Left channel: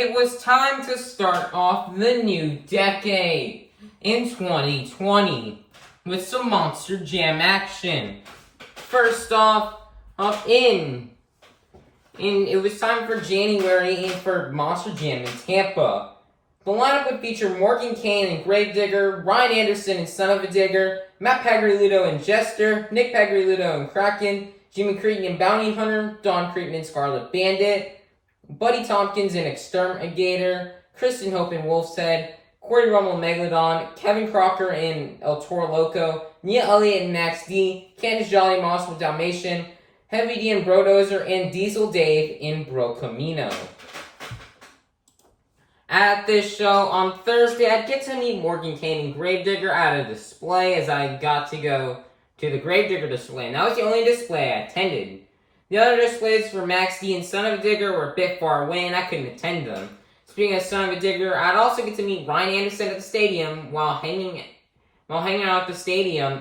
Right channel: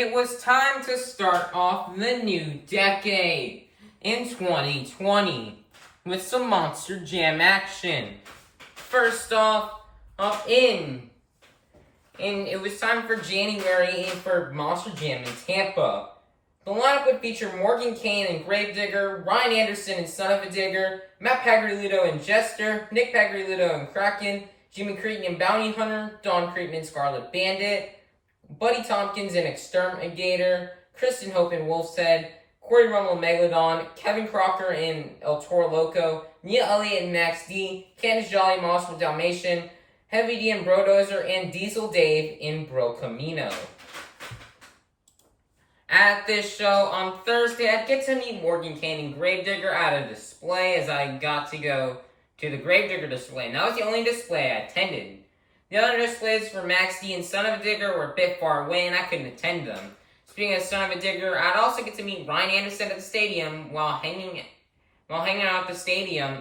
It was time to start off the new decade in 2020 with some Monster Jam action. First off, it was time for January for Monster Jam in Tampa. The lineup would feature Morgan Kane and Gravedigger, Ryan Anderson and Son of a Digger, Matt Pagliarulo and Jester, Nick Pagliarulo and Kraken, Jimmy Cretin and Bounty Hunter, Don Cretin and Scarlet Bandit, Buddy Tompkins and Exterminator, Kristen Hope and Wolf's Head, Corey Rummel and Megalodon, Kevin Crocker and El Toro Loco, Nia Elliott and Max D, Candice Jolly and Monster Dalmatian, Heavy D and Brodozer, and Diesel Dave in Bro Camino. At this show on Thursday, I'd get to meet Morgan Kane and Gravedigger at a display as I got to go to the Gravedigger display, and that was the only display I attended. The other displays for Max D and Son of a Digger were a bit far away, and I couldn't attend them. Speaking of Son of a Digger, I'd also get to meet Ryan Anderson at the stadium while hanging out at the stadium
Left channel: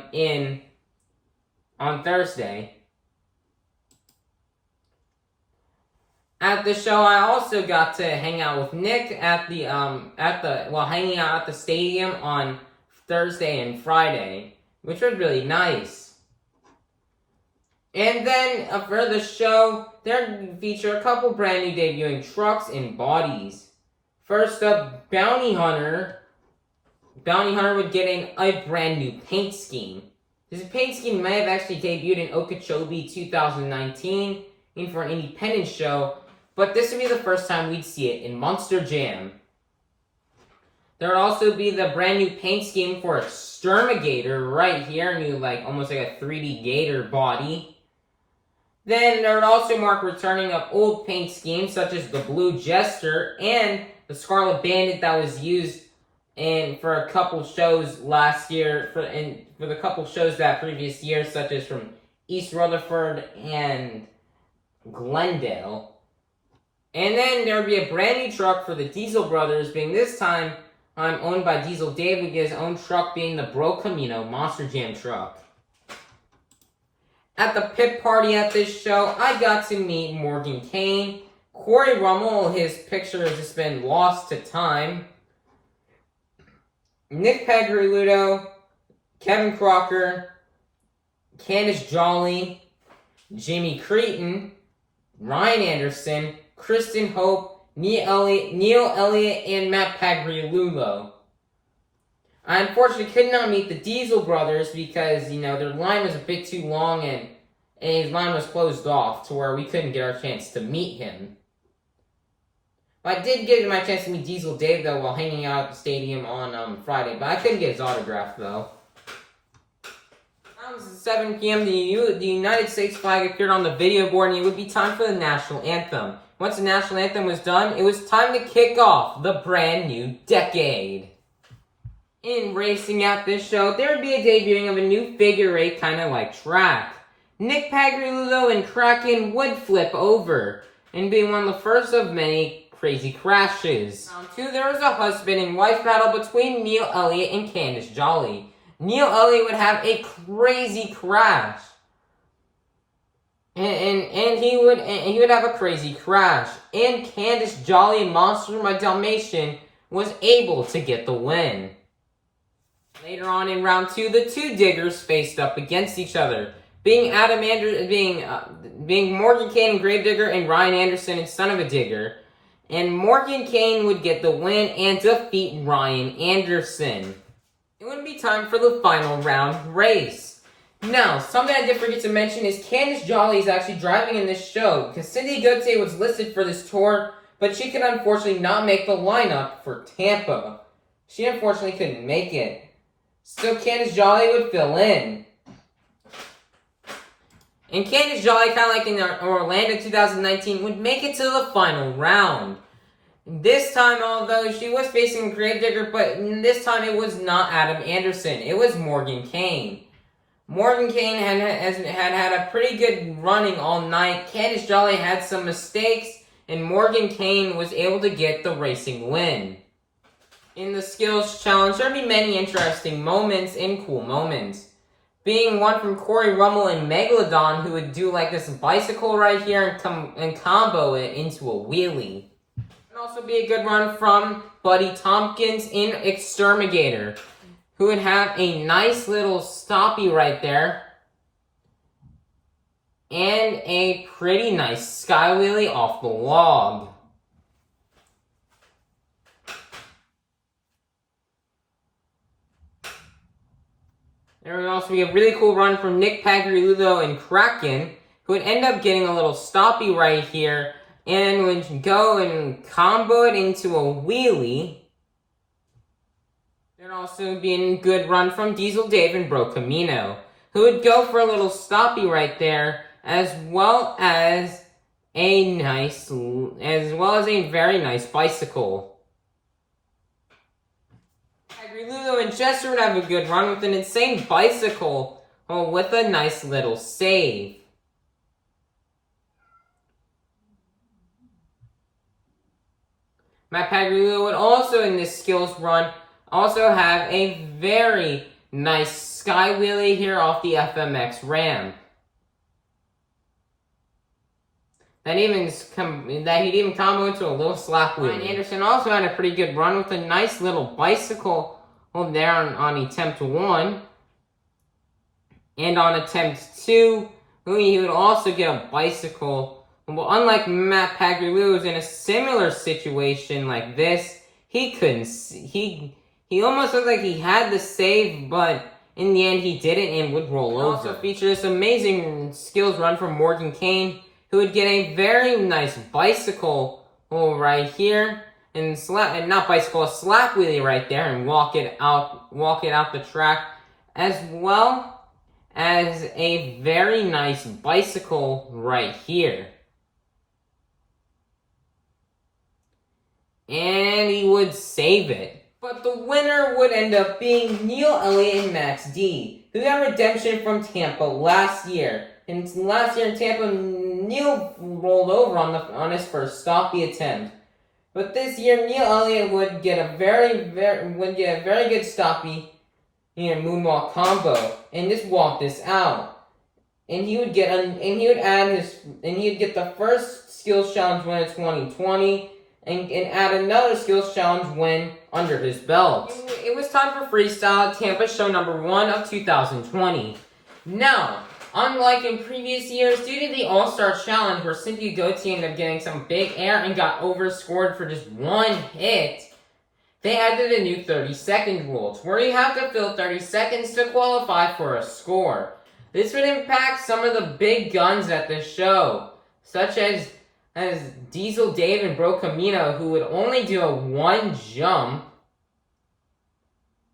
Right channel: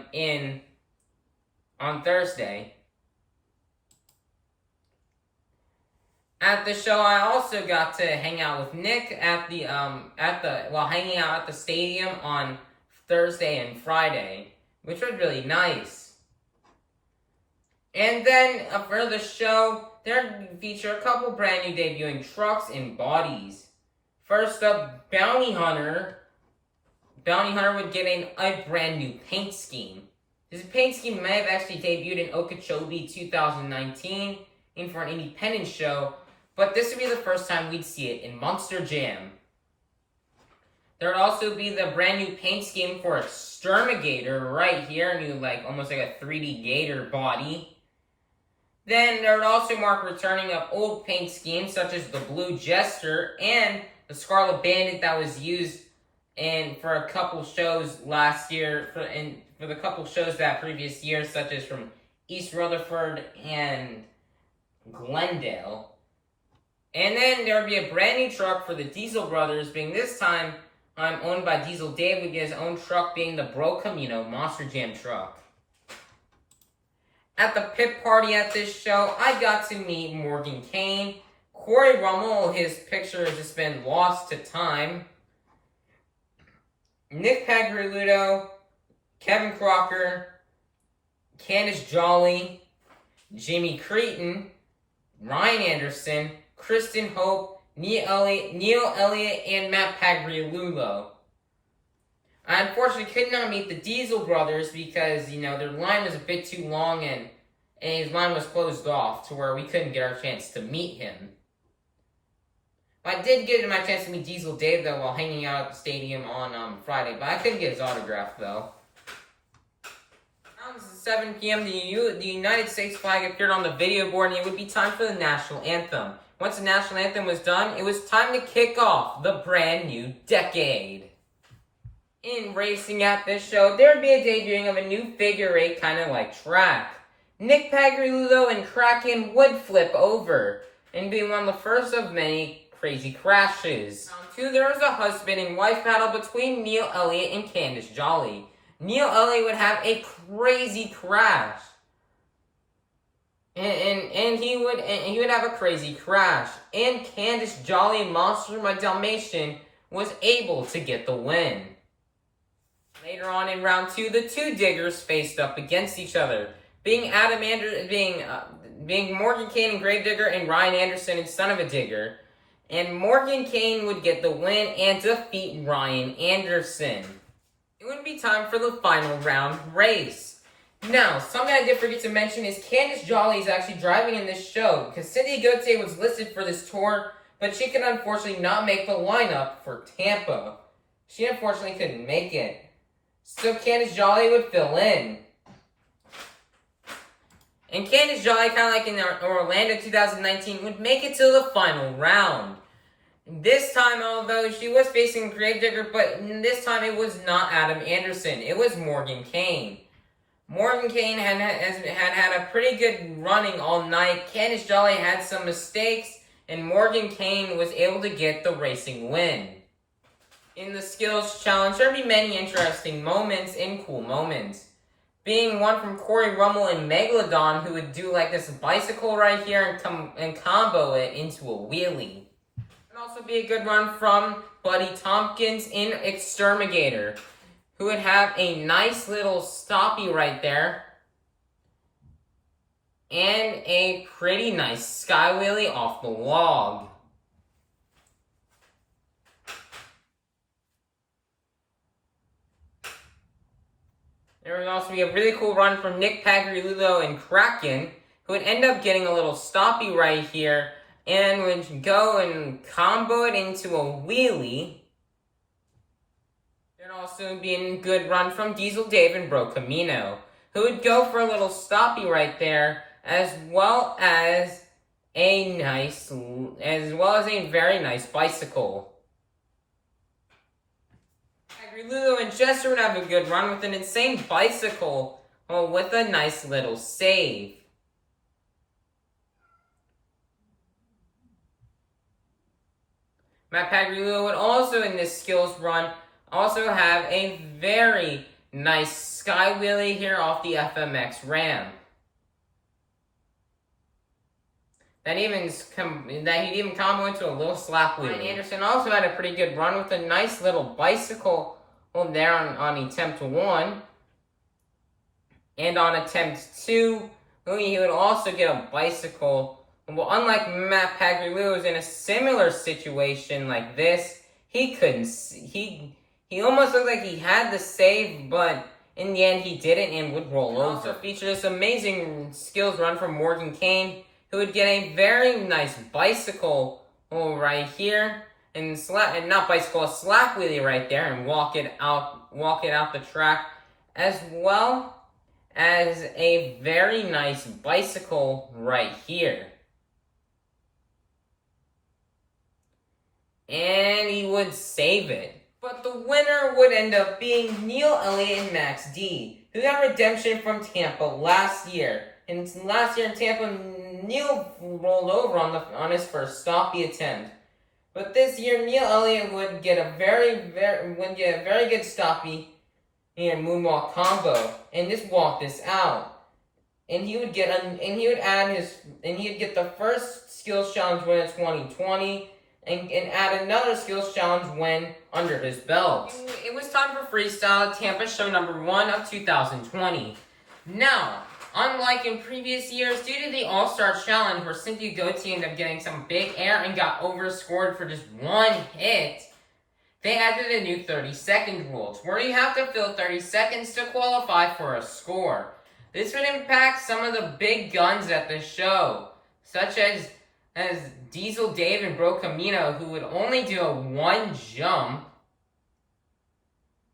on Thursday. At the show, I also got to hang out with Nick while hanging out at the stadium on Thursday and Friday, which was really nice. And then for the show, they'll feature a couple brand new debuting trucks and bodies. First up, Bounty Hunter. Bounty Hunter would get a brand new paint scheme. This paint scheme may have actually debuted in Okeechobee 2019 and for an independent show, but this would be the first time we'd see it in Monster Jam. There would also be the brand new paint scheme for Exterminator right here, almost like a 3D gator body. Then there would also mark returning of old paint schemes such as the Blue Jester and the Scarlet Bandit that was used for a couple shows last year, for the couple shows that previous year, such as from East Rutherford and Glendale. And then there would be a brand new truck for the Diesel Brothers, being this time owned by Diesel Dave, with his own truck being the Bro Camino Monster Jam truck. At the pit party at this show, I got to meet Morgan Kane, Corey Rummel, his picture has just been lost to time, Nick Pagliarulo, Kevin Crocker, Candice Jolly, Jimmy Cretin, Ryan Anderson, Kristen Hope, Neil Elliott, and Matt Pagliarulo. I unfortunately could not meet the Diesel Brothers because, their line was a bit too long and his line was closed off to where we couldn't get our chance to meet him. I did get my chance to meet Diesel Dave, though, while hanging out at the stadium on Friday, but I couldn't get his autograph, though. Around 7 p.m., the United States flag appeared on the video board, and it would be time for the national anthem. Once the national anthem was done, it was time to kick off the brand new decade. In racing at this show, there would be a debuting of a new figure eight kind of like track. Nick Pagliarulo and Kraken would flip over, and be one of the first of many crazy crashes. Round 2, there was a husband and wife battle between Neil Elliott and Candice Jolly. Neil Elliott would have a crazy crash. And he would have a crazy crash. And Candice Jolly and Monster My Dalmatian was able to get the win. Later on in round 2, the two diggers faced up against each other, being Morgan Kane and Gravedigger and Ryan Anderson and Son of a Digger. And Morgan Kane would get the win and defeat Ryan Anderson. It would be time for the final round race. Now, something I did forget to mention is Candice Jolly is actually driving in this show, because Cindy Gauthier was listed for this tour, but she could unfortunately not make the lineup for Tampa. She unfortunately couldn't make it. So Candice Jolly would fill in. And Candice Jolly, kind of like in Orlando 2019, would make it to the final round. This time, although she was facing Gravedigger, but this time it was not Adam Anderson. It was Morgan Kane. Morgan Kane had a pretty good running all night. Candice Jolly had some mistakes, and Morgan Kane was able to get the racing win. In the skills challenge, there would be many interesting moments and cool moments. Being one from Corey Rummel and Megalodon, who would do like this bicycle right here and combo it into a wheelie. Would also be a good run from Buddy Tompkins in Exterminator, who would have a nice little stoppie right there. And a pretty nice sky wheelie off the log. There would also be a really cool run from Nick Pagliarulo and Kraken, who would end up getting a little stoppie right here, and would go and combo it into a wheelie. There'd also be a good run from Diesel Dave and Bro Camino, who would go for a little stoppie right there, as well as a very nice bicycle. Lulu and Chester would have a good run with an insane bicycle, with a nice little save. Matt Pagliarulo would also, in this skills run, also have a very nice sky wheelie here off the FMX ramp. That he'd even combo into a little slap wheelie. Ryan Anderson also had a pretty good run with a nice little bicycle there on attempt 1. And on attempt 2, he would also get a bicycle. Well, unlike Matt Pagliarulo, who's in a similar situation like this, he almost looked like he had the save, but in the end he didn't and would roll over. Also featured this amazing skills run from Morgan Kane, who would get a very nice bicycle right here, and a slap wheelie right there, and walk it out the track, as well as a very nice bicycle right here. And he would save it. But the winner would end up being Neil Elliott and Max D, who got redemption from Tampa last year. And last year in Tampa, Neil rolled over on his first stoppie attempt. But this year, Neil Elliott would get a very good stoppie and moonwalk combo, and just walk this out. And he would get the first skills challenge win of 2020, and add another skills challenge win under his belt. It was time for Freestyle Tampa show number 1 of 2020. Now, unlike in previous years, due to the All-Star Challenge where Cynthia Gauthier ended up getting some big air and got overscored for just one hit, they added a new 30-second rule, where you have to fill 30 seconds to qualify for a score. This would impact some of the big guns at the show, such as Diesel Dave and Bro Camino, who would only do a 1 jump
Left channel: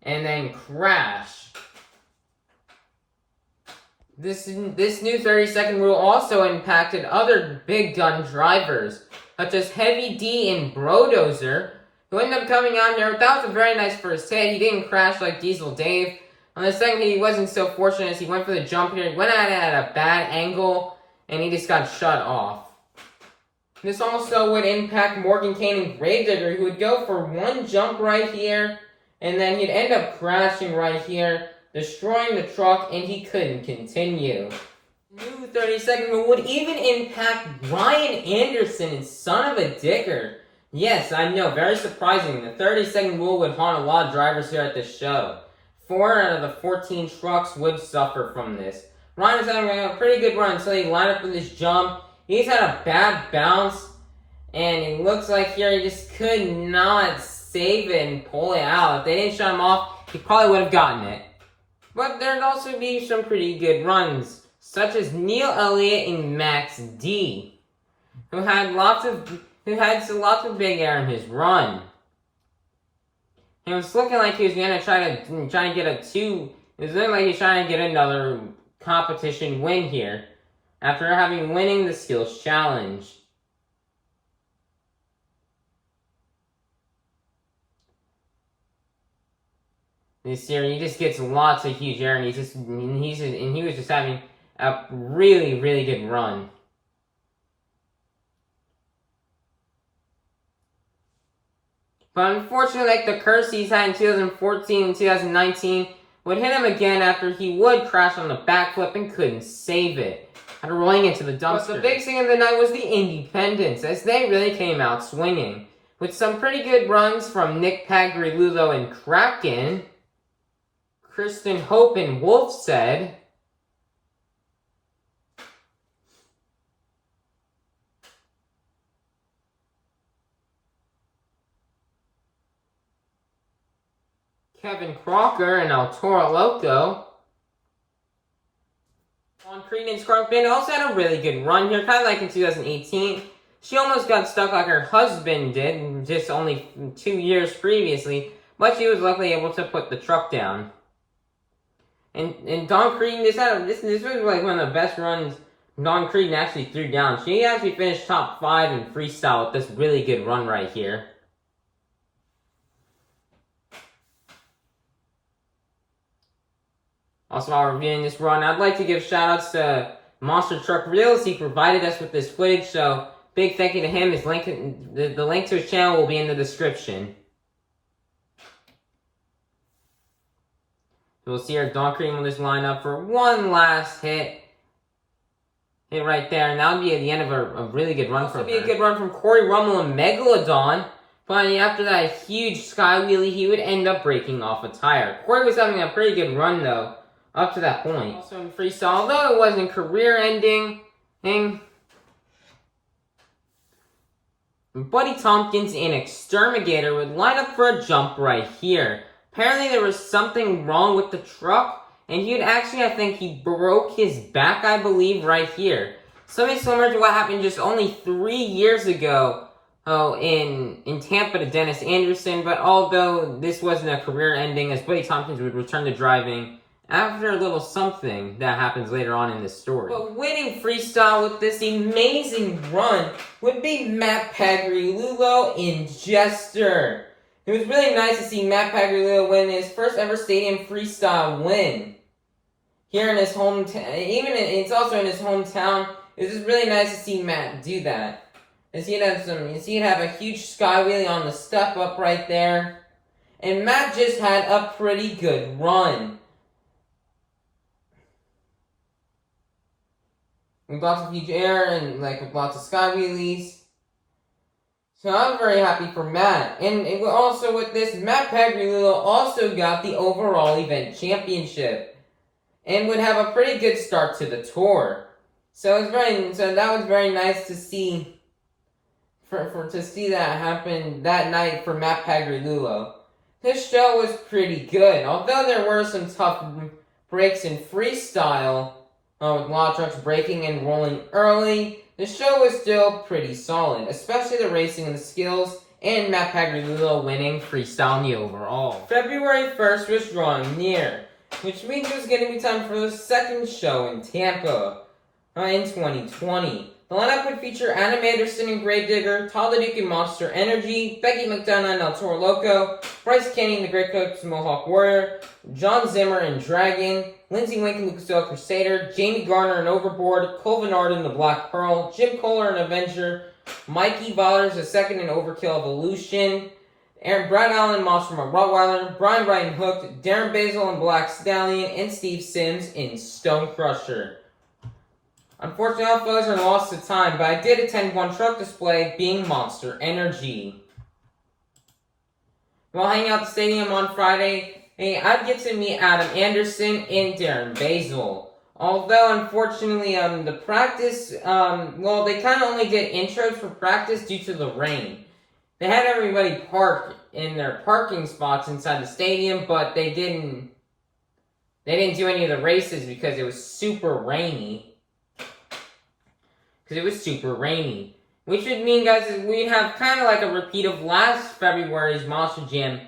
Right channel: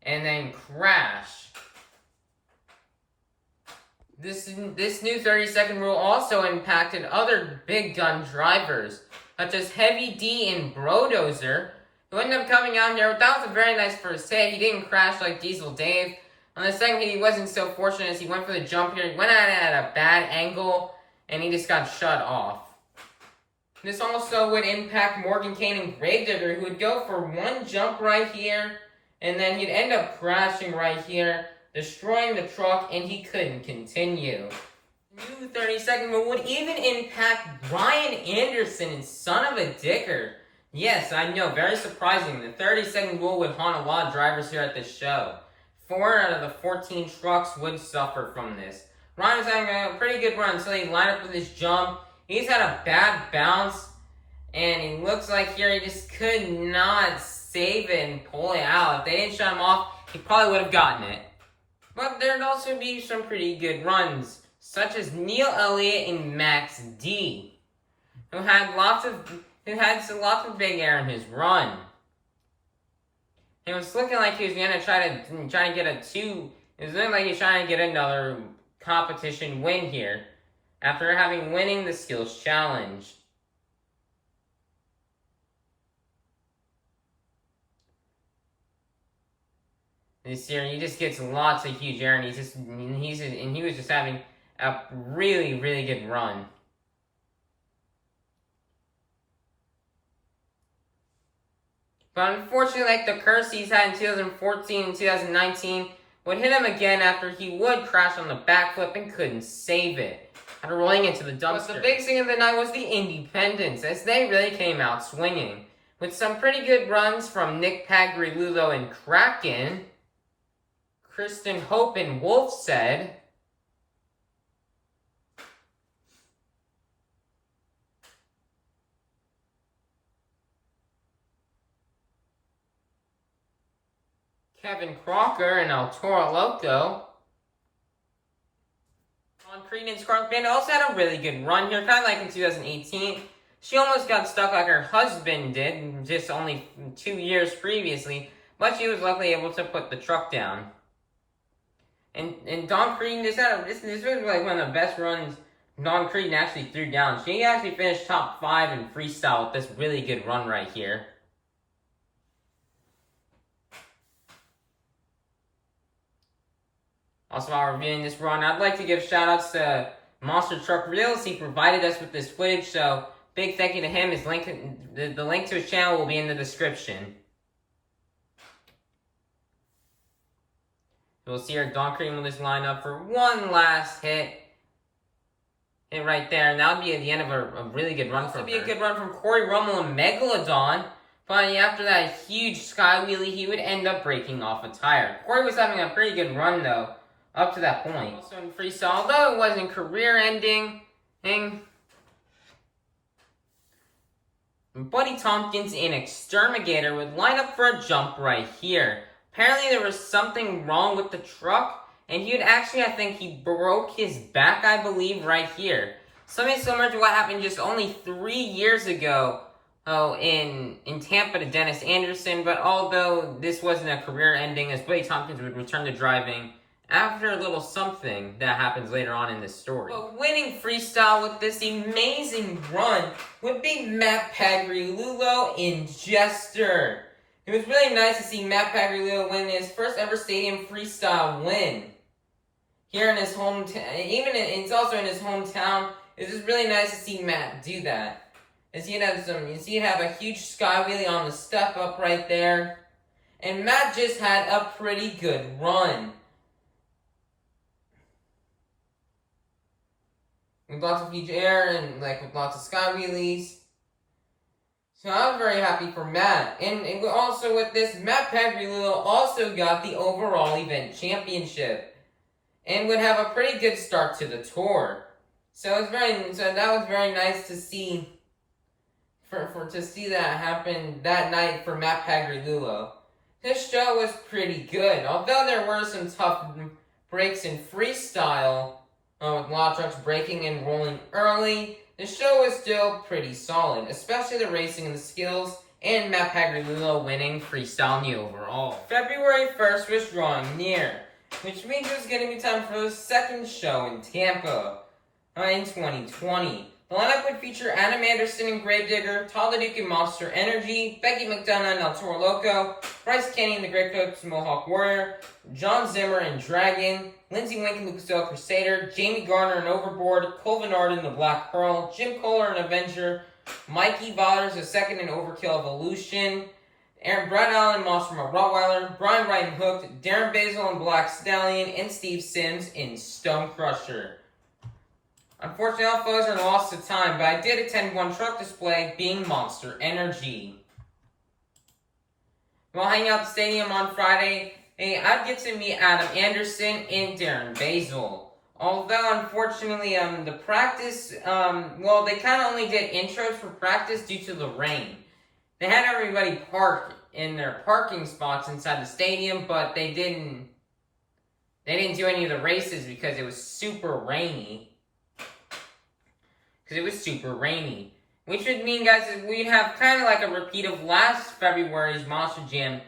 and then crash. This new 30-second rule also impacted other big gun drivers, such as Heavy D and Brodozer, who ended up coming out there. That was a very nice first hit. He didn't crash like Diesel Dave. On the second hit, he wasn't so fortunate as he went for the jump here. He went at it at a bad angle, and he just got shut off. This also would impact Morgan Kane and Gravedigger, who would go for 1 jump right here, and then he'd end up crashing right here, destroying the truck, and he couldn't continue. New 30-second rule would even impact Ryan Anderson and Son of a Dicker. Yes, I know, very surprising. The 30-second rule would haunt a lot of drivers here at this show. 4 out of the 14 trucks would suffer from this. Ryan was having a pretty good run until he lined up with his jump. He's had a bad bounce, and it looks like here he just could not save it and pull it out. If they didn't shut him off, he probably would have gotten it. But there'd also be some pretty good runs, such as Neil Elliott and Max D, who had lots of big air in his run. It was looking like he was gonna try to get a 2. It was looking like he was trying to get another competition win here, after winning the skills challenge. This year, he just gets lots of huge air, and he was just having a really, really good run. But unfortunately, like the curse he's had in 2014 and 2019 would hit him again after he would crash on the backflip and couldn't save it, after rolling into the dumpster. But the big thing of the night was the Independents, as they really came out swinging. with some pretty good runs from Nick Pagrilulo and Kraken. Kristen Hope and Wolf said, Kevin Crocker and El Toro Loco. On Creedence Carpenter also had a really good run here, kind of like in 2018. She almost got stuck like her husband did, just only 2 years previously, but she was luckily able to put the truck down. And Dawn Creedon, this was like one of the best runs Dawn Creedon actually threw down. She actually finished top 5 in freestyle with this really good run right here. Also, while reviewing this run, I'd like to give shoutouts to MonsterTruckReels. He provided us with this footage, so big thank you to him. His link, the link to his channel will be in the description. We'll see our Dawn Cream with this lineup for one last hit. Hit right there, and that would be at the end of a really good run from her. This would be a good run from Corey Rummel and Megalodon. Finally, after that huge sky wheelie, he would end up breaking off a tire. Corey was having a pretty good run, though, up to that point. Also in freestyle, although it wasn't career-ending, Buddy Tompkins and Exterminator would line up for a jump right here. Apparently there was something wrong with the truck, and he would actually, I think he broke his back, I believe, right here. Something similar to what happened just only 3 years ago in Tampa to Dennis Anderson, but although this wasn't a career ending, as Buddy Tompkins would return to driving after a little something that happens later on in this story. But winning freestyle with this amazing run would be Matt Pagrilulo in Jester. It was really nice to see Matt Pagrilulo win his first ever stadium freestyle win. Here in his hometown, it's also in his hometown. It's just really nice to see Matt do that. You see it have a huge sky wheelie on the step up right there. And Matt just had a pretty good run. With lots of huge air and with lots of sky wheelies. So I'm very happy for Matt. And also with this, Matt Pagrilulo also got the overall event championship. And would have a pretty good start to the tour. So that was very nice to see to see that happen that night for Matt Pagrilulo. This show was pretty good. Although there were some tough breaks in freestyle, with a lot of trucks braking and rolling early, the show was still pretty solid, especially the racing and the skills, and Matt Pagrilulo winning freestyle in the overall. February 1st was drawing near, which means it was going to be time for the second show in Tampa in 2020. The lineup would feature Adam Anderson and Gravedigger, Todd LeDuc and Monster Energy, Becky McDonough and El Toro Loco, Bryce Kenny and the Great Coats Mohawk Warrior, John Zimmer and Dragon, Lindsey Wink and Lucas Oil Crusader, Jamie Garner and Overboard, Colvin Ard and the Black Pearl, Jim Kohler and Avenger, Mikey Ballers II and Overkill Evolution, Brad Allen and Monster Rottweiler, Brian Wright and Hooked, Darren Basil and Black Stallion, and Steve Sims in Stone Crusher. Unfortunately, all photos are lost to time, but I did attend one truck display, being Monster Energy. While hanging out at the stadium on Friday, I'd get to meet Adam Anderson and Darren Basil. Although, unfortunately, the practice, they kind of only did intros for practice due to the rain. They had everybody park in their parking spots inside the stadium, but they didn't do any of the races because it was super rainy. Which would mean, guys, that we'd have kind of like a repeat of last February's Monster Jam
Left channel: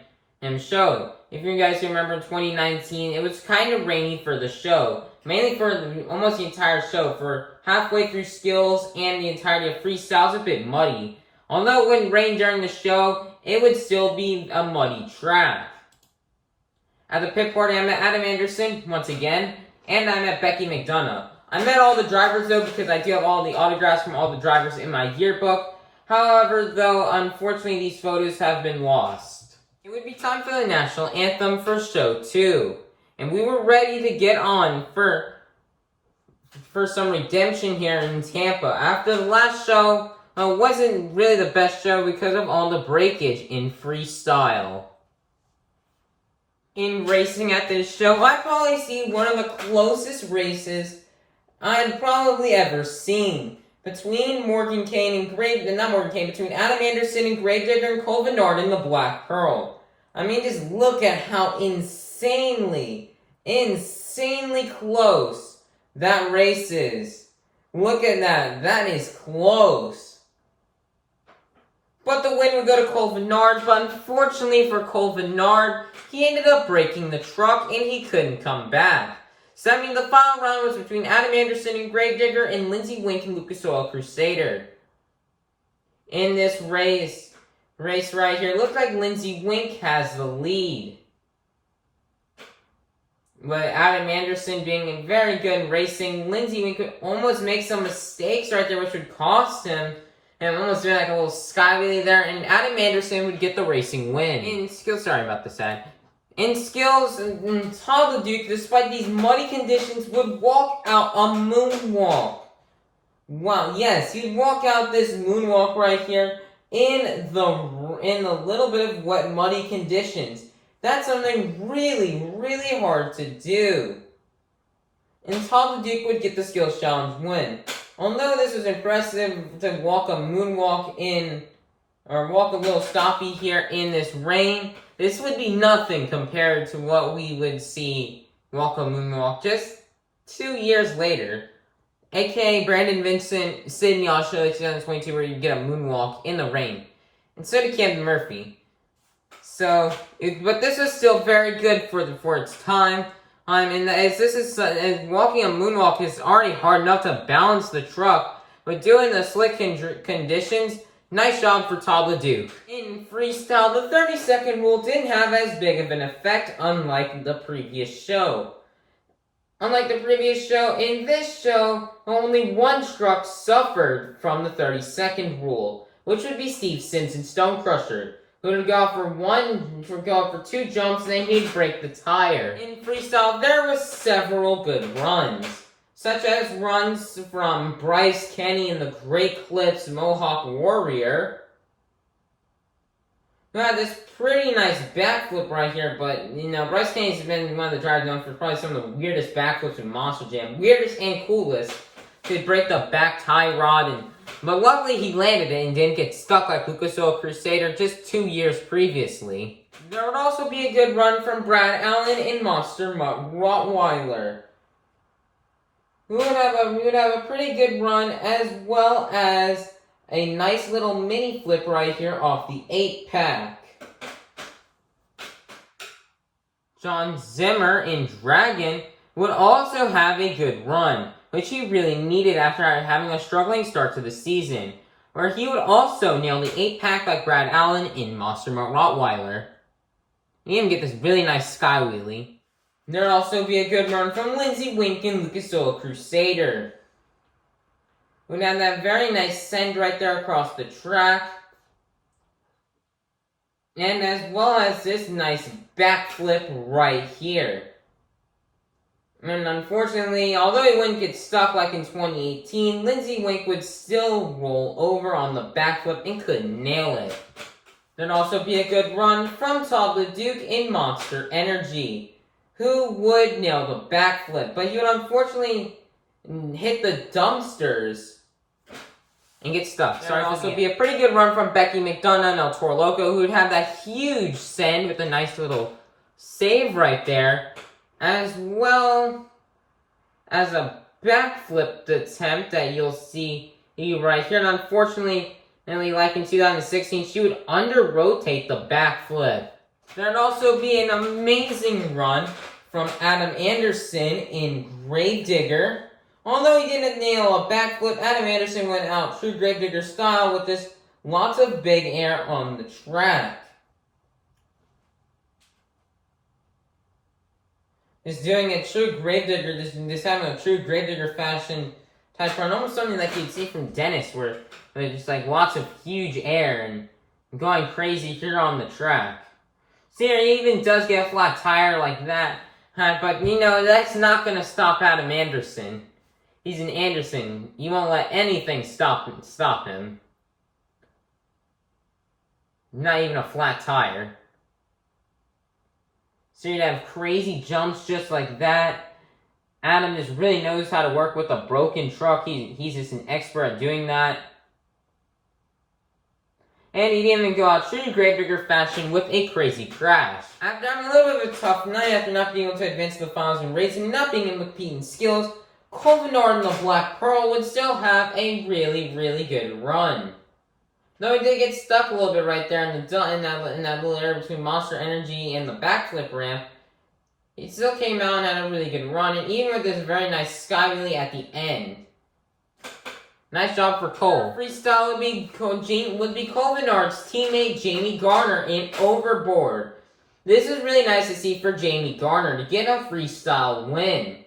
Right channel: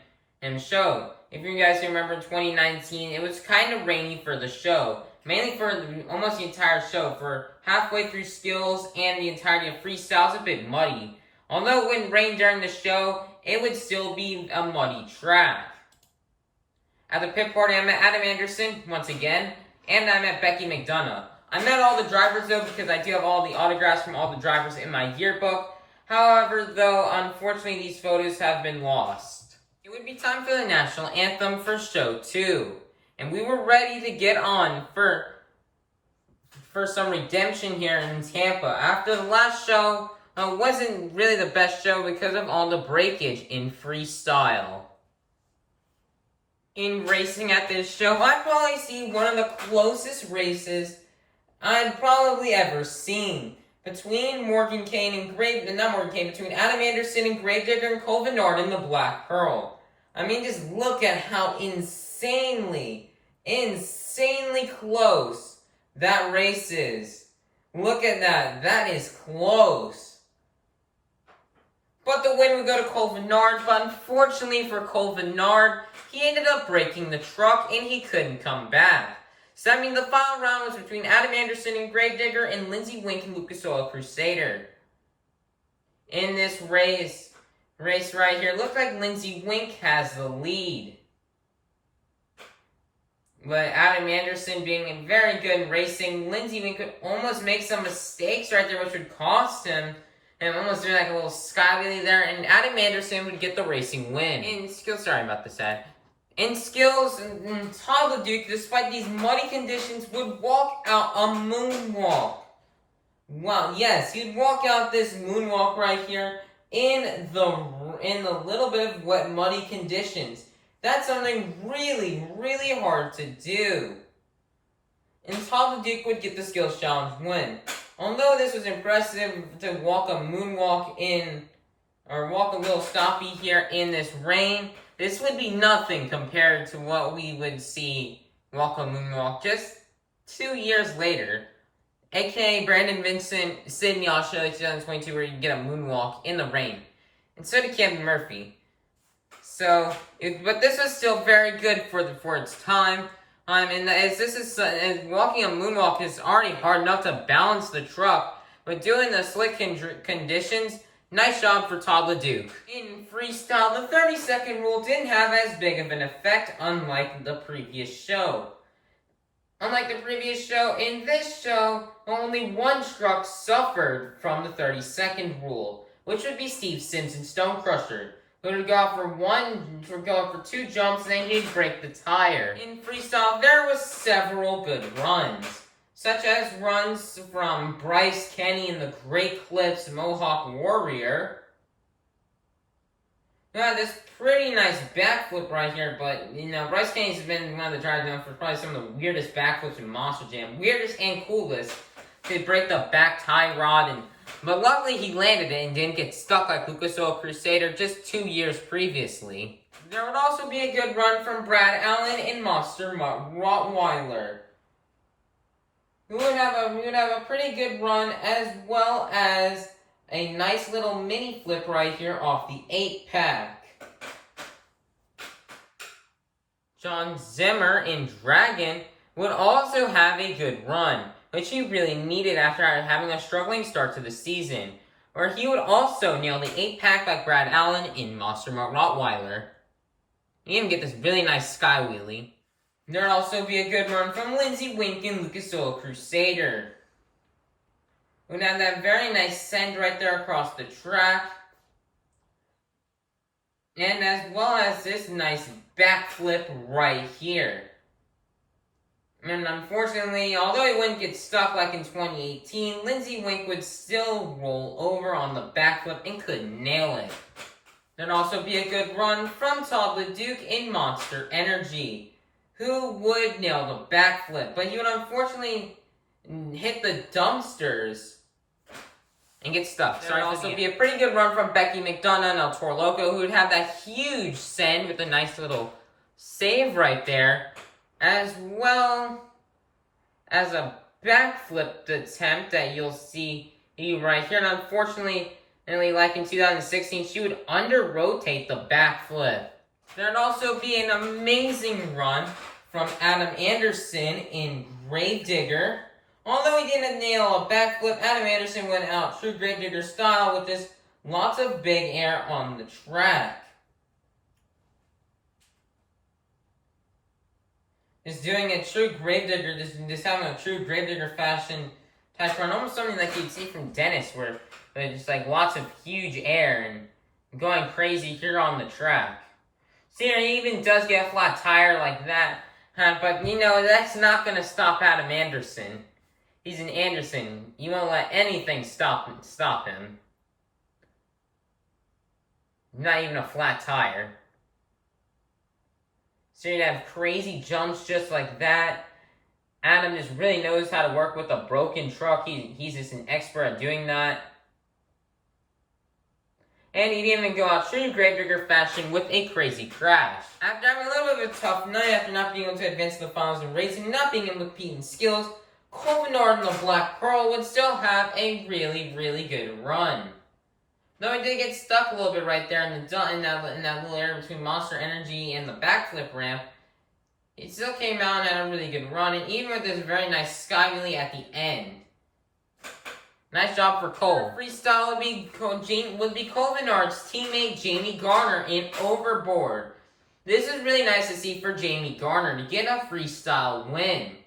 show. If you guys remember in 2019, it was kind of rainy for the show. Mainly for almost the entire show. For halfway through skills and the entirety of freestyles, a bit muddy. Although it wouldn't rain during the show, it would still be a muddy track. At the pit party, I met Adam Anderson, once again, and I met Becky McDonough. I met all the drivers, though, because I do have all the autographs from all the drivers in my yearbook. However, though, unfortunately, these photos have been lost. It would be time for the national anthem for show 2. And we were ready to get on for some redemption here in Tampa. After the last show, wasn't really the best show because of all the breakage in freestyle. In racing at this show, I'd probably see one of the closest races I'd probably ever seen. Between between Adam Anderson and Gravedigger and Cole Vennard in the Black Pearl. I mean, just look at how insanely close that race is. Look at that. That is close. But the win would go to Cole Vennard, but unfortunately for Cole Vennard, he ended up breaking the truck and he couldn't come back. So that means the final round was between Adam Anderson and Gravedigger and Lindsey Wink and Lucas Oil Crusader. In this race right here, looks like Lindsey Wink has the lead. But Adam Anderson being very good in racing, Lindsey Wink could almost make some mistakes right there, which would cost him. And almost doing like a little sky wheelie there, and Adam Anderson would get the racing win. In skills, sorry about this ad. In skills, Todd LeDuc, despite these muddy conditions, would walk out a moonwalk. Wow, yes, he'd walk out this moonwalk right here in the little bit of wet, muddy conditions. That's something really hard to do. And Todd LeDuc would get the skills challenge win. Although this was impressive to walk a moonwalk walk a little stoppy here in this rain, this would be nothing compared to what we would see walk a moonwalk just 2 years later. AKA Brandon Vincent, Sydney, Australia 2022, where you get a moonwalk in the rain. Instead of Camden Murphy. But this was still very good for its time. Walking a moonwalk is already hard enough to balance the truck, but doing the slick conditions, nice job for Todd LeDuc. In freestyle, the 30-second rule didn't have as big of an effect, unlike the previous show. In this show, only one truck suffered from the 30-second rule, which would be Steve Simpson's Stone Crusher, who would go for 2 jumps, and then he'd break the tire. In freestyle, there was several good runs, such as runs from Bryce Kenny in the Great Clips Mohawk Warrior. Now, this pretty nice backflip right here, but, Bryce Kenny's been one of the drivers known for probably some of the weirdest backflips in Monster Jam. Weirdest and coolest. He'd break the back tie rod, but luckily he landed it and didn't get stuck like Lucas Oil Crusader just 2 years previously. There would also be a good run from Brad Allen in Monster Rottweiler, who would have a pretty good run, as well as a nice little mini flip right here off the 8-pack. John Zimmer in Dragon would also have a good run, which he really needed after having a struggling start to the season, where he would also nail the 8-pack like Brad Allen in Monster Rottweiler. He even get this really nice sky wheelie. There'd also be a good run from Lindsey Wink and Lucas Oil Crusader. We'd have that very nice send right there across the track. And as well as this nice backflip right here. And unfortunately, although he wouldn't get stuck like in 2018, Lindsey Wink would still roll over on the backflip and couldn't nail it. There'd also be a good run from Todd LeDuc in Monster Energy, who would nail the backflip, but he would unfortunately hit the dumpsters and get stuck. There'd also be a pretty good run from Becky McDonough and El Toro Loco, who would have that huge send with a nice little save right there, as well as a backflip attempt that you'll see right here. And unfortunately, like in 2016, she would under-rotate the backflip. There'd also be an amazing run from Adam Anderson in Gravedigger. Although he didn't nail a backflip, Adam Anderson went out true Gravedigger style with this lots of big air on the track. Just doing a true Gravedigger, just having a true Gravedigger fashion type run. Almost something like you'd see from Dennis, where there's just like lots of huge air and going crazy here on the track. See, he even does get a flat tire like that. But, that's not going to stop Adam Anderson. He's an Anderson. You won't let anything stop him. not even a flat tire. So you'd have crazy jumps just like that. Adam just really knows how to work with a broken truck. He's just an expert at doing that. And he didn't even go out true Gravedigger fashion with a crazy crash. After having a little bit of a tough night, after not being able to advance to the finals in racing, and not being able to compete in skills, Colvinard and the Black Pearl would still have a really, really good run. Though he did get stuck a little bit right there in that little area between Monster Energy and the backflip ramp, he still came out and had a really good run, and even with this very nice sky wheelie at the end. Nice job for Cole. Freestyle would be Colvinard's teammate Jamie Garner in Overboard. This is really nice to see for Jamie Garner to get a freestyle win.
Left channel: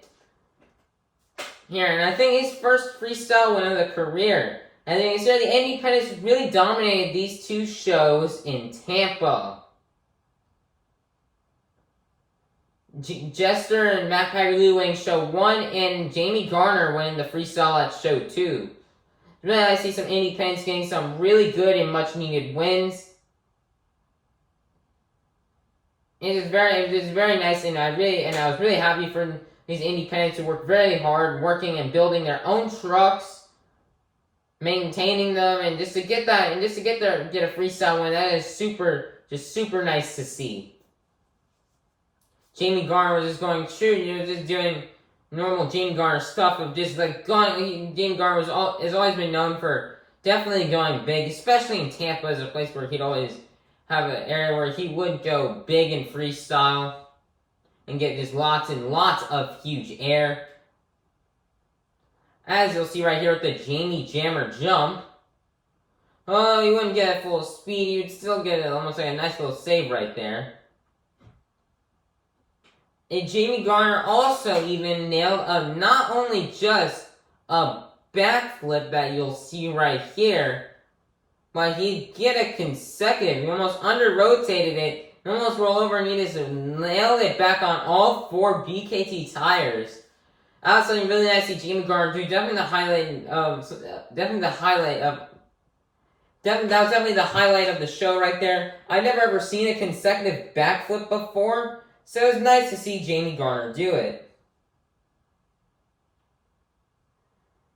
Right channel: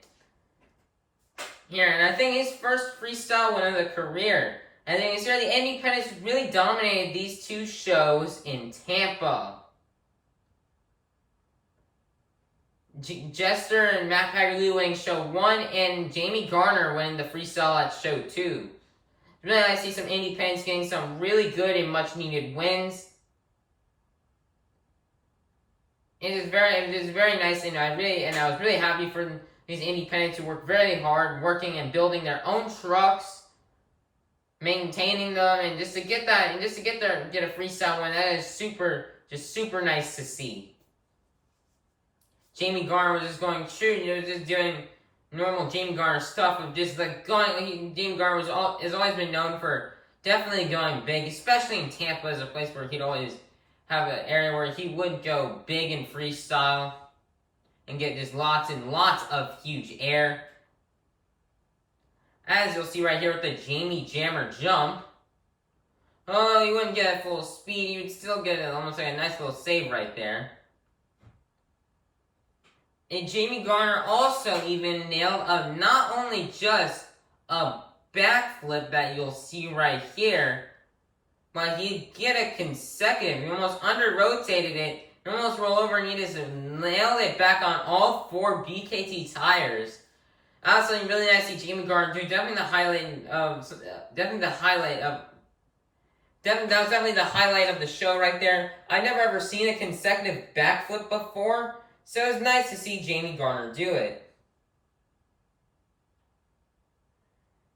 Here, and I think his first freestyle win of the career. And then the Independents really dominated these two shows in Tampa. Jester and Matt Pagliuca winning show 1, and Jamie Garner winning the freestyle at show 2. Really nice to see some Independents getting some really good and much needed wins. It was very nice, and I was really happy for these Independents who worked very hard, working and building their own trucks, maintaining them, and just to get a freestyle win. That is super nice to see. Jamie Garner was just going true, just doing normal Jamie Garner stuff of just like going. Jamie Garner has always been known for definitely going big, especially in Tampa as a place where he'd always have an area where he would go big in freestyle and get just lots and lots of huge air. As you'll see right here with the Jamie Jammer jump. Oh, he wouldn't get at full speed. He would still get almost like a nice little save right there. And Jamie Garner also even nailed not only just a backflip that you'll see right here, but he'd get a consecutive. He almost under-rotated it. He almost rolled over and he just nailed it back on all 4 BKT tires. Also, really nice to see Jamie Garner do. That was definitely the highlight of the show right there. I've never ever seen a consecutive backflip before. So it was nice to see Jamie Garner do it.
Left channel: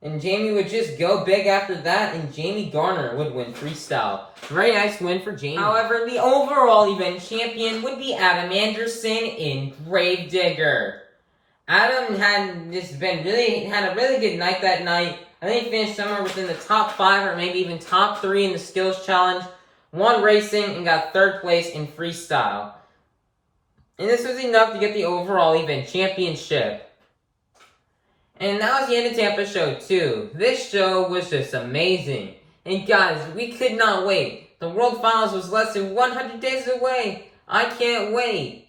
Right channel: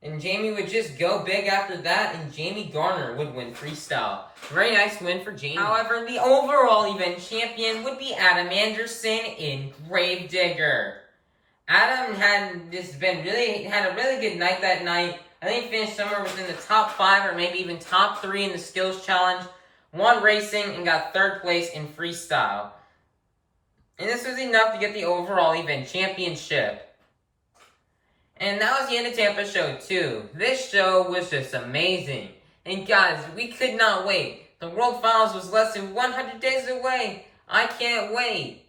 And Jamie would just go big after that, and Jamie Garner would win freestyle. Very nice win for Jamie. However, the overall event champion would be Adam Anderson in Gravedigger. Adam had a really good night that night. I think he finished somewhere within the top 5 or maybe even top 3 in the skills challenge. Won racing and got 3rd place in freestyle. And this was enough to get the overall event championship. And that was the end of Tampa show 2. This show was just amazing. And guys, we could not wait. The World Finals was less than 100 days away. I can't wait.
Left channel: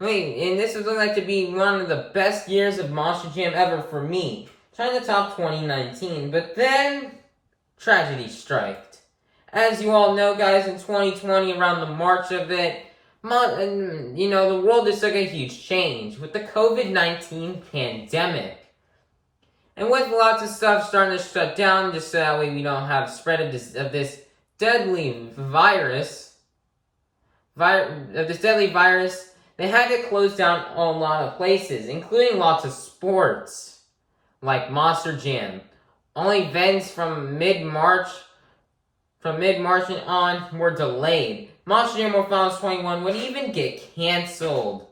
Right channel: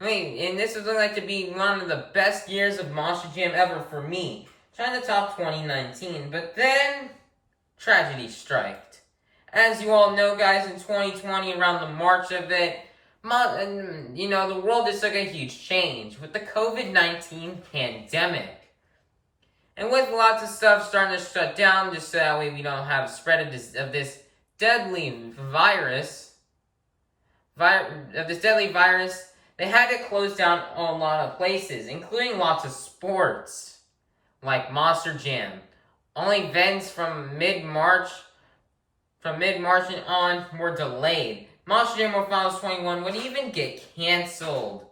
And this would look like to be one of the best years of Monster Jam ever for me. Trying to top 2019. But then, tragedy struck. As you all know, guys, in 2020, around the March of it, the world just took a huge change with the COVID-19 pandemic. And with lots of stuff starting to shut down, just so that way we don't have spread of this deadly virus, they had to close down a lot of places, including lots of sports, like Monster Jam. Only events from mid-March and on were delayed. Monster Jam World Finals 21 would even get canceled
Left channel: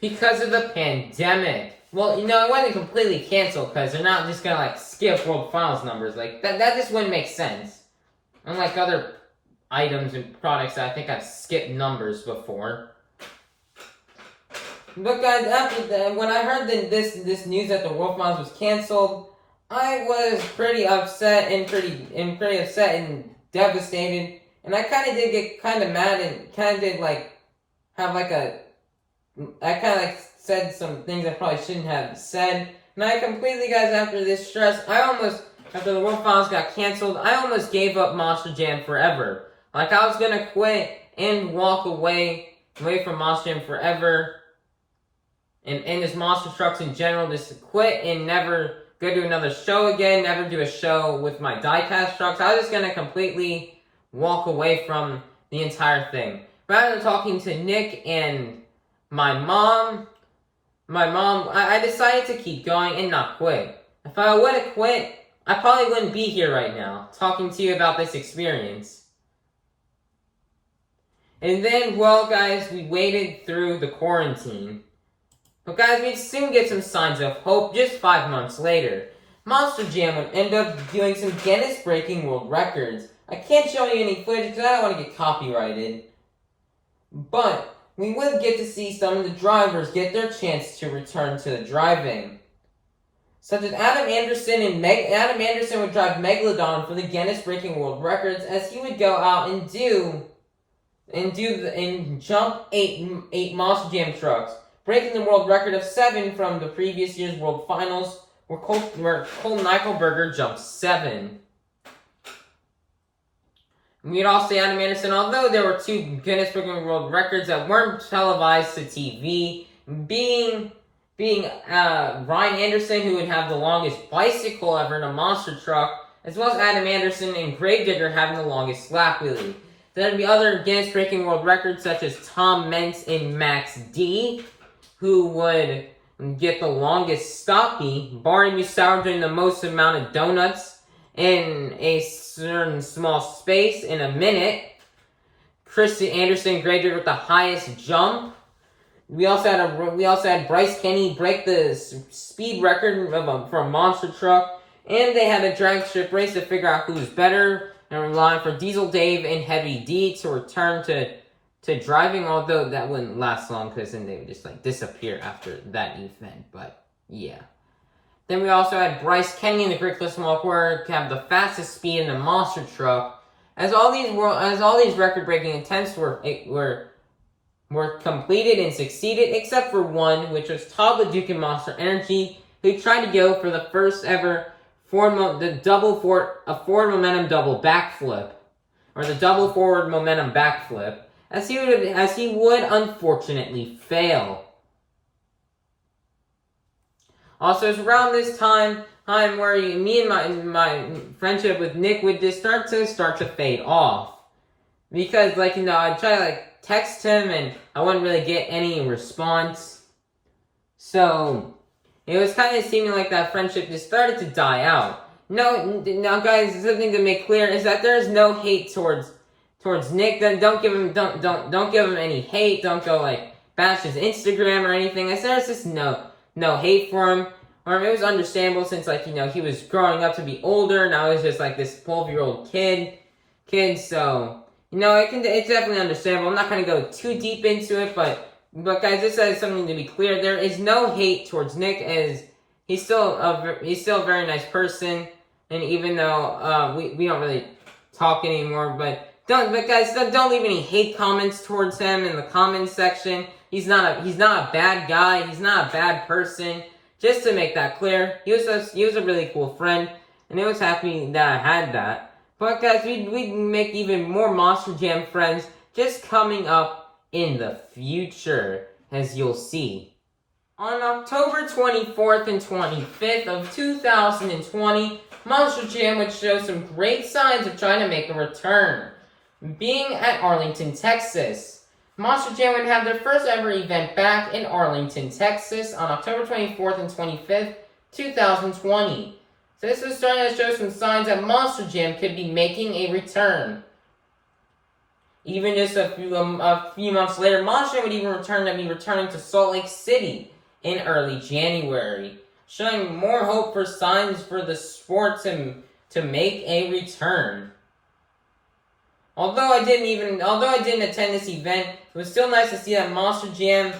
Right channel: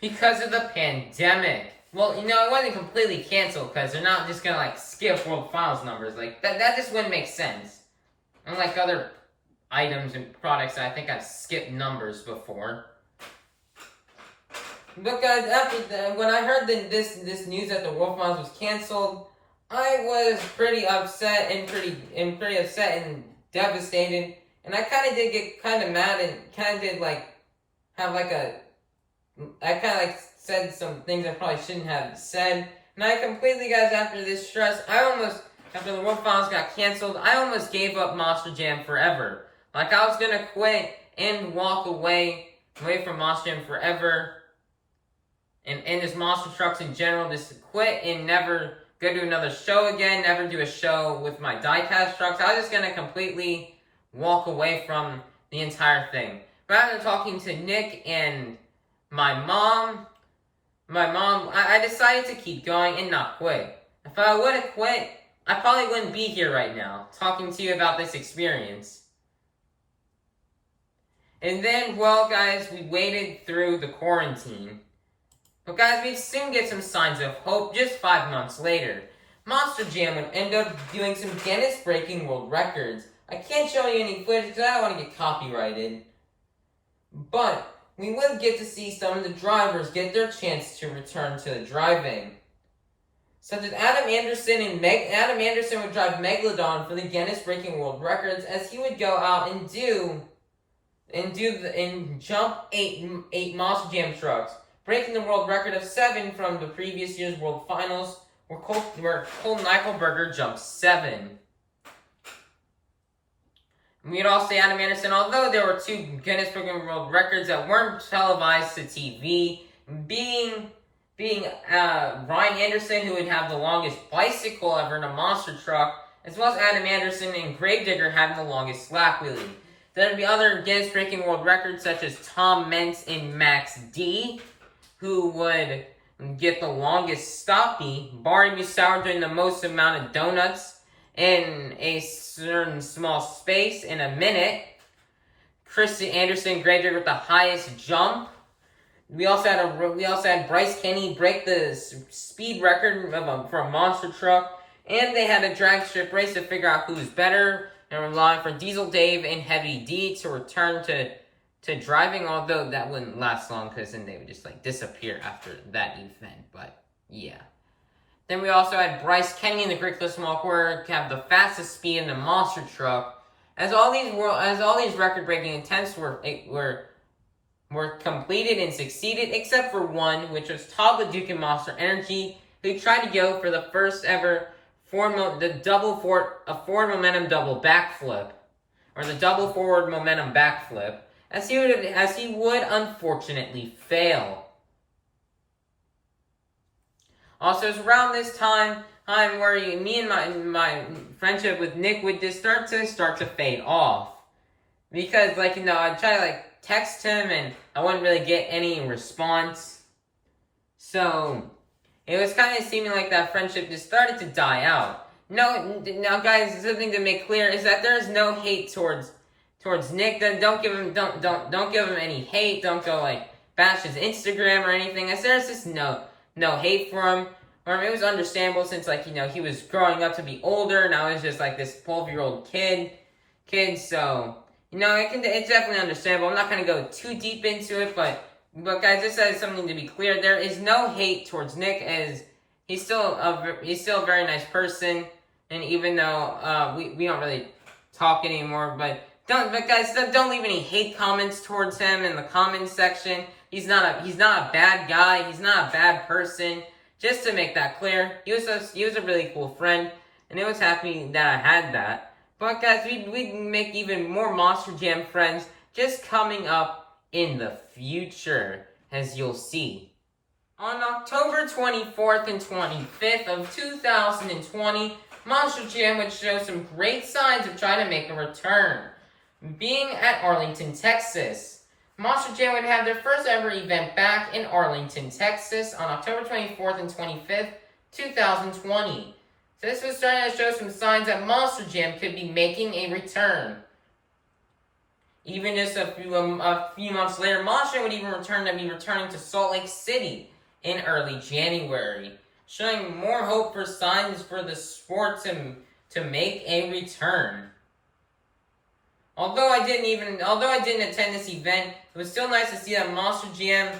because of the pandemic. Well, it wasn't completely canceled because they're not just gonna skip World Finals numbers. That just wouldn't make sense. Unlike other items and products that I think I've skipped numbers before. But guys, when I heard this news that the World Finals was canceled, I was pretty upset and devastated. And I kind of did get kind of mad and kind of did said some things I probably shouldn't have said. And I completely, guys, after this stress, after the World Finals got canceled, I almost gave up Monster Jam forever. I was gonna quit and walk away from Monster Jam forever. And just Monster Trucks in general, just quit and never go do another show again, never do a show with my diecast trucks. I was just gonna completely walk away from the entire thing. Rather than talking to Nick and my mom, I decided to keep going and not quit. If I would have quit, I probably wouldn't be here right now, talking to you about this experience. And then, well, guys, we waited through the quarantine. But guys, we'd soon get some signs of hope just 5 months later. Monster Jam would end up doing some Guinness-breaking world records. I can't show you any footage because I don't want to get copyrighted. But we would get to see some of the drivers get their chance to return to the driving. Such as Adam Anderson Adam Anderson would drive Megalodon for the Guinness-breaking world records, as he would go out and jump eight Monster Jam trucks, breaking the world record of 7 from the previous year's World Finals, where Cole Nykelberger jumped 7. We'd also say Adam Anderson, although there were 2 Guinness Book of World Records that weren't televised to TV, being Ryan Anderson, who would have the longest bicycle ever in a monster truck, as well as Adam Anderson and Gravedigger having the longest slack wheelie. There'd be other Guinness-breaking world records, such as Tom Mentz and Max D, who would get the longest stoppie, Barry Musauer doing the most amount of donuts in a certain small space in a minute. Chris Anderson Gravedigger with the highest jump. We also had Bryce Kenny break the speed record for a monster truck, and they had a drag strip race to figure out who's better, and relying for Diesel Dave and Heavy D to return to driving, although that wouldn't last long because then they would just disappear after that event. But yeah. Then we also had Bryce Kenny and the Grickless Walker have the fastest speed in the monster truck, as all these record-breaking attempts were completed and succeeded, except for one, which was Todd LeDuc and Monster Energy, who tried to go for the first ever forward momentum double backflip, or the double forward momentum backflip, as he would unfortunately fail. Also, it's around this time where me and my friendship with Nick would just start to fade off, because I'd try to text him and I wouldn't really get any response. So it was kind of seeming like that friendship just started to die out. Now guys, something to make clear is that there is no hate towards Nick. Then don't give him any hate. Don't go bash his Instagram or anything. There's just no hate for him. Or it was understandable since he was growing up to be older. Now he's just this 12-year-old kid. So it's definitely understandable. I'm not going to go too deep into it, but guys, this is something to be clear. There is no hate towards Nick, as he's still a very nice person, and even though we don't really talk anymore, but guys, don't leave any hate comments towards him in the comments section. He's not a bad guy. He's not a bad person. Just to make that clear, he was a really cool friend, and I was happy that I had that. But guys, we'd make even more Monster Jam friends just coming up in the future, as you'll see. On October 24th and 25th of 2020, Monster Jam would show some great signs of trying to make a return. Being at Arlington, Texas, Monster Jam would have their first ever event back in Arlington, Texas on October 24th and 25th, 2020. So this was starting to show some signs that Monster Jam could be making a return. Even just a few months later, Monster Jam would even be returning to Salt Lake City in early January, showing more hope for signs for the sport to make a return. Although I didn't attend this event, it was still nice to see that Monster Jam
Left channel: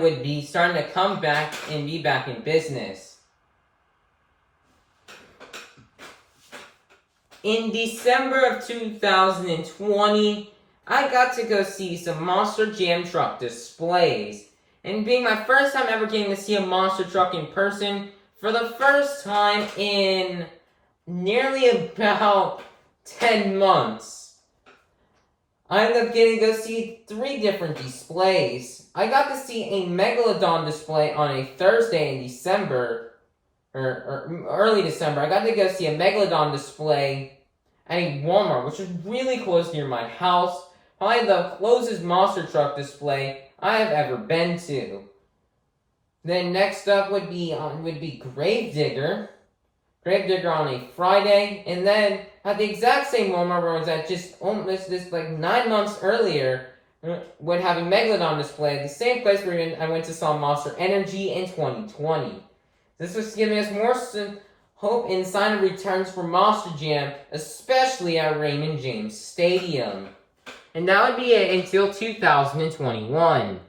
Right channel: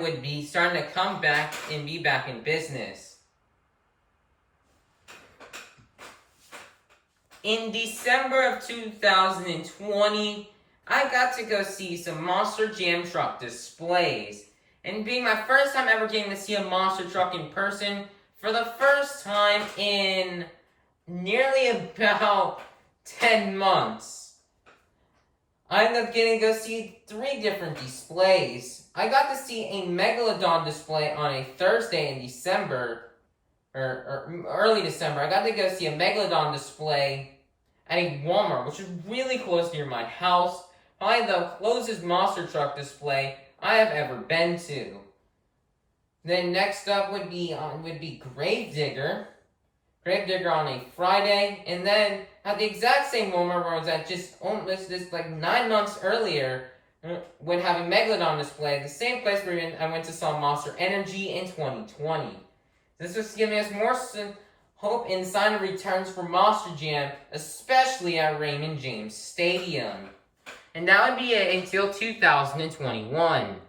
would be starting to come back and be back in business. In December of 2020, I got to go see some Monster Jam truck displays. And being my first time ever getting to see a monster truck in person, for the first time in nearly about 10 months, I ended up getting to go see 3 different displays. I got to see a Megalodon display on a Thursday in December, or early December. I got to go see a Megalodon display at a Walmart, which is really close near my house. Probably the closest monster truck display I have ever been to. Then next up would be Gravedigger. Gravedigger on a Friday, and then at the exact same Walmart where I was at just almost this like 9 months earlier, when having Megalodon display, the same place where I went to saw Monster Energy in 2020. This was giving us more hope in sign of returns for Monster Jam, especially at Raymond James Stadium. And that would be it until 2021.